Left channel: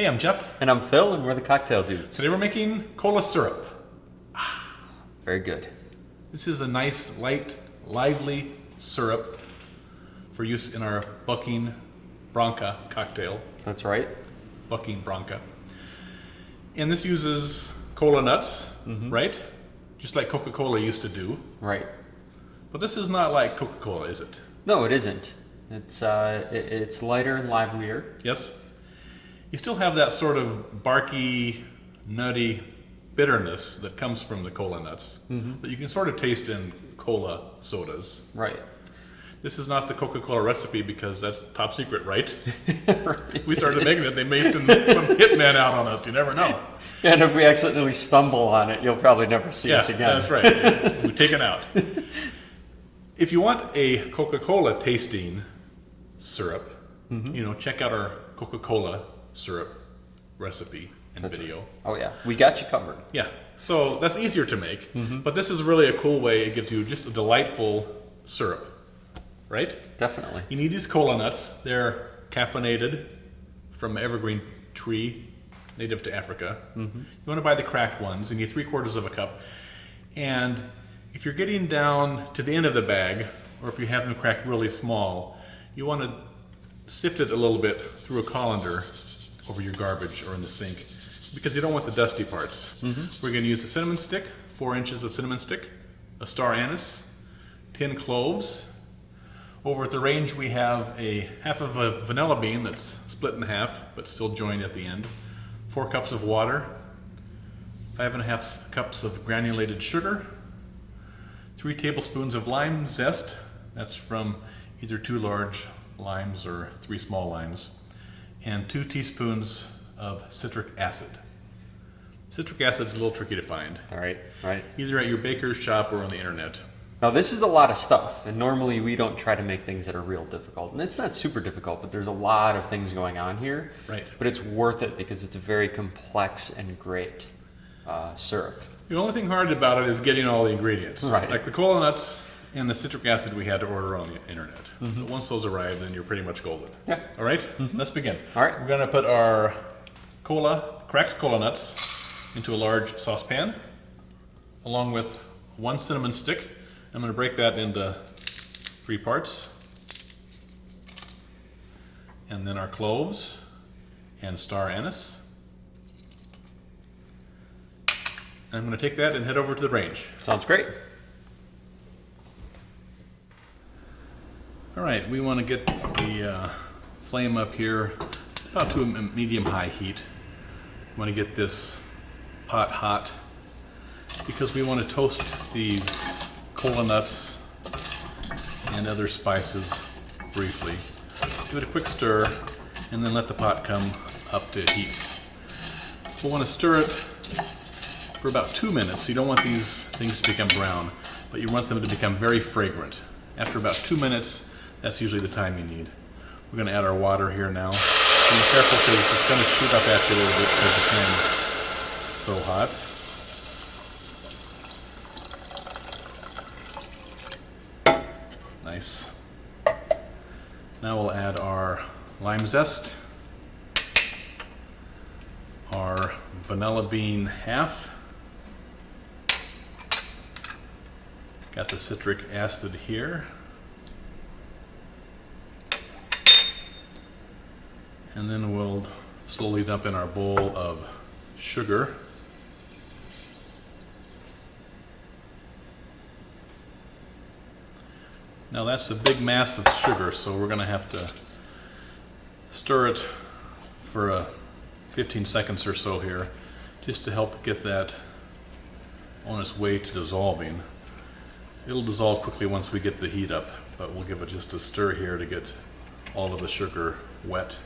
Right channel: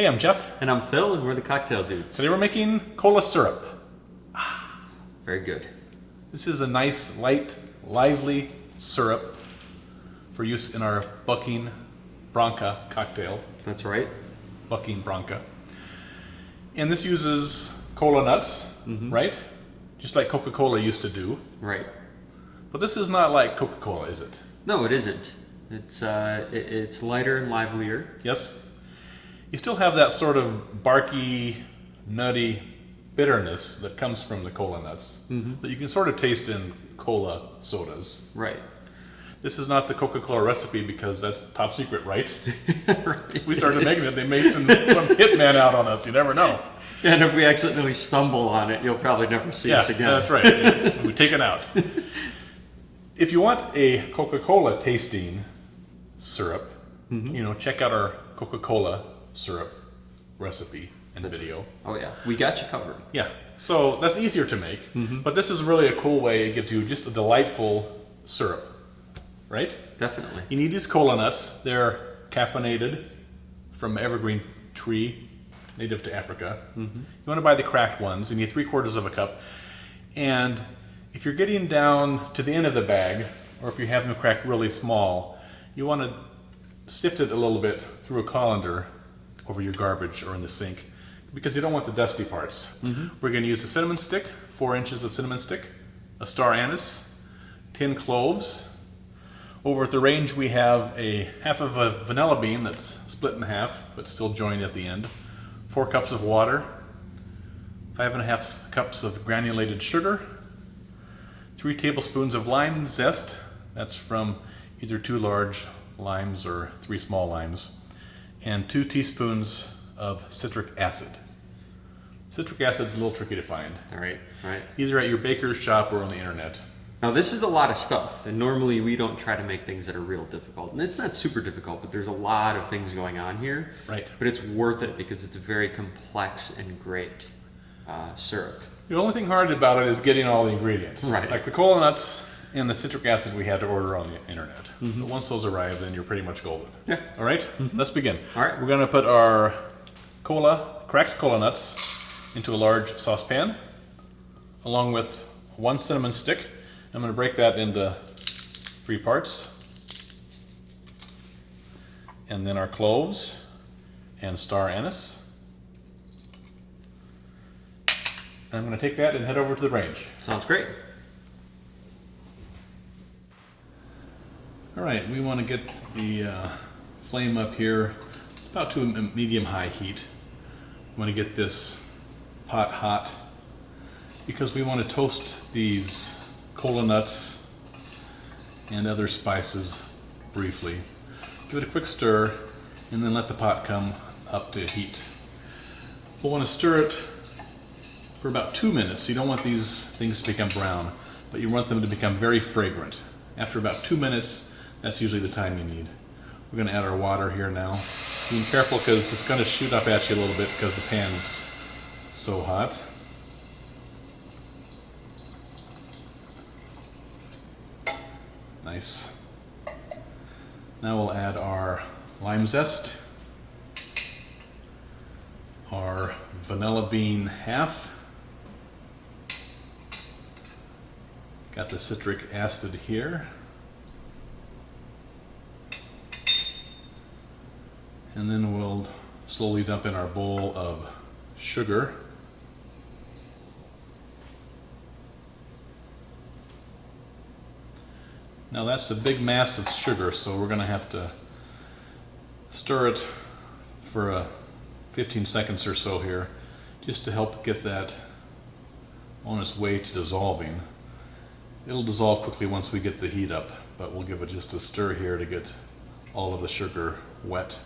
Hey, I'm Jeff. And I'm Phil, and we're the Cocktail Dudes. Today we're making cola syrup. Very good. This is a nice, light, lively syrup for use in our Bucking Branca cocktail. That's right. Bucking Branca. And this uses Kola Nuts, right? Just like Coca-Cola used to do. Right. But this is not like Coca-Cola, is it? No, it isn't. It's lighter and livelier. Yes. You still have that sort of barky, nutty bitterness that comes from the cola nuts that you can sort of taste in cola sodas. Right. This is not the Coca-Cola recipe because that's top secret, right? Right. We started making it, they made some hitman out on us. You never know. And if we accidentally stumble on it, you'll probably never see us again. That's right. We take it out. If you want a Coca-Cola tasting syrup, check out our Coca-Cola syrup recipe and video. Oh yeah, we got you covered. Yeah, so that's easier to make, but this is really a cool way. It gives you just a delightful syrup, right? Definitely. You need these cola nuts. They're caffeinated from evergreen tree, native to Africa. You want to buy the cracked ones, and you need 3/4 of a cup. And if you're getting down to the end of the bag, or if you have them cracked really small, you want to sift it a little bit through a colander over your garbage or in the sink, because you don't want the dusty parts. We're going to use a cinnamon stick, 4 inches of cinnamon stick, a star anise, 10 cloves. Over at the range we have a half of a vanilla bean that's split in half but still joined at the end, 4 cups of water, 5.5 cups of granulated sugar, 3 tablespoons of lime zest, that's from either 2 large limes or 3 small limes, and 2 teaspoons of citric acid. Citric acid is a little tricky to find. All right. Right. Either at your baker's shop or on the internet. Now this is a lot of stuff, and normally we don't try to make things that are real difficult. And it's not super difficult, but there's a lot of things going on here. Right. But it's worth it because it's a very complex and great syrup. The only thing hard about it is getting all the ingredients. Right. Like the cola nuts and the citric acid we had to order on the internet. But once those arrive, then you're pretty much golden. Yeah. All right? Let's begin. All right. We're going to put our cracked cola nuts into a large saucepan, along with 1 cinnamon stick. I'm going to break that into 3 parts. And then our cloves and star anise. And I'm going to take that and head over to the range. Sounds great. All right, we want to get the flame up here about to a medium-high heat. We want to get this pot hot because we want to toast these cola nuts and other spices briefly. Give it a quick stir and then let the pot come up to heat. We'll want to stir it for about 2 minutes. You don't want these things to become brown, but you want them to become very fragrant. After about 2 minutes, that's usually the time you need. We're going to add our water here now. Be careful because it's going to shoot up at you a little bit because the pan's so hot. Nice. Now we'll add our lime zest, our vanilla bean half, got the citric acid here, and then we'll slowly dump in our bowl of sugar. Now that's a big mass of sugar, so we're going to have to stir it for 15 seconds or so here, just to help get that on its way to dissolving. It'll dissolve quickly once we get the heat up, but we'll give it just a stir here to get all of the sugar wet.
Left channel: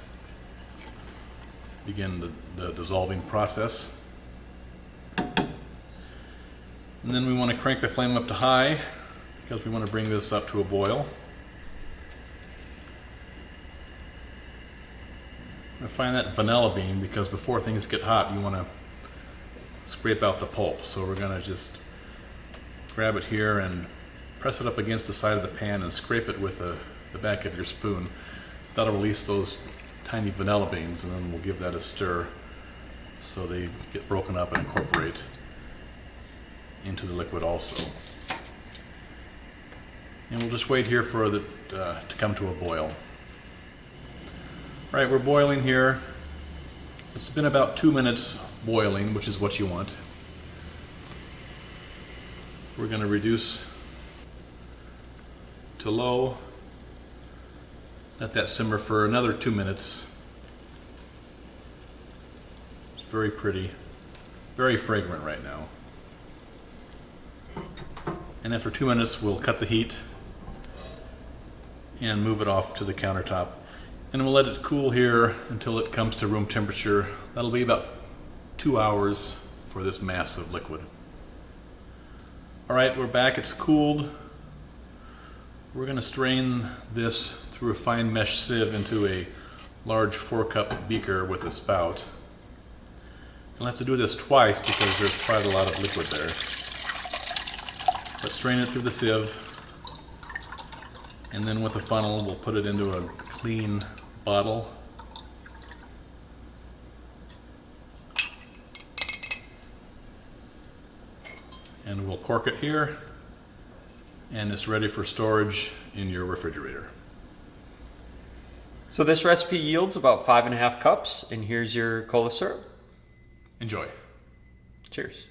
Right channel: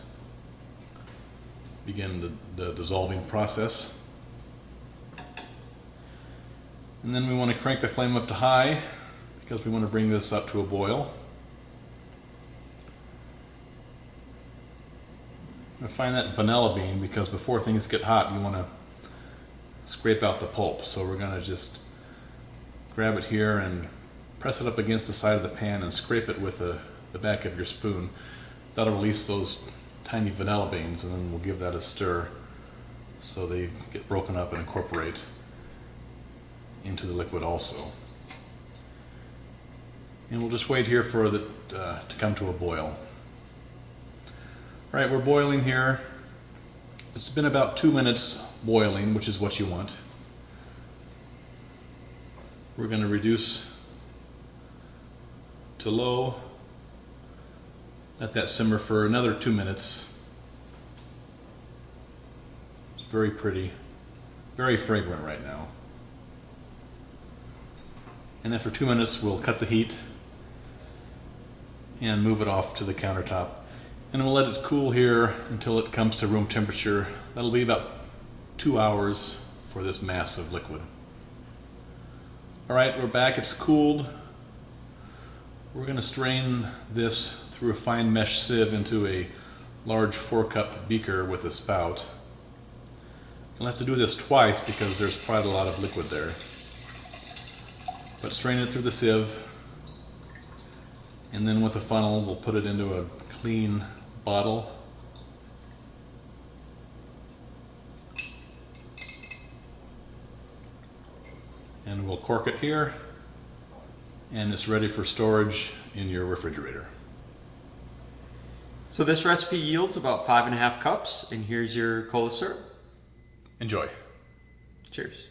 Begin the dissolving process. And then we want to crank the flame up to high because we want to bring this up to a boil. I find that vanilla bean because before things get hot you want to scrape out the pulp. So we're going to just grab it here and press it up against the side of the pan and scrape it with the back of your spoon. That'll release those tiny vanilla beans, and then we'll give that a stir so they get broken up and incorporate into the liquid also. And we'll just wait here for it to come to a boil. Right, we're boiling here. It's been about 2 minutes boiling, which is what you want. We're going to reduce to low. Let that simmer for another 2 minutes. It's very pretty, very fragrant right now. And then for 2 minutes we'll cut the heat and move it off to the countertop. And we'll let it cool here until it comes to room temperature. That'll be about 2 hours for this mass of liquid. All right, we're back, it's cooled. We're gonna strain this through a fine mesh sieve into a large 4-cup beaker with a spout. We'll have to do this twice because there's quite a lot of liquid there. But strain it through the sieve, and then with a funnel we'll put it into a clean bottle. And we'll cork it here, and it's ready for storage in your refrigerator. So this recipe yields about 5.5 cups, and here's your cola syrup. Enjoy. Cheers.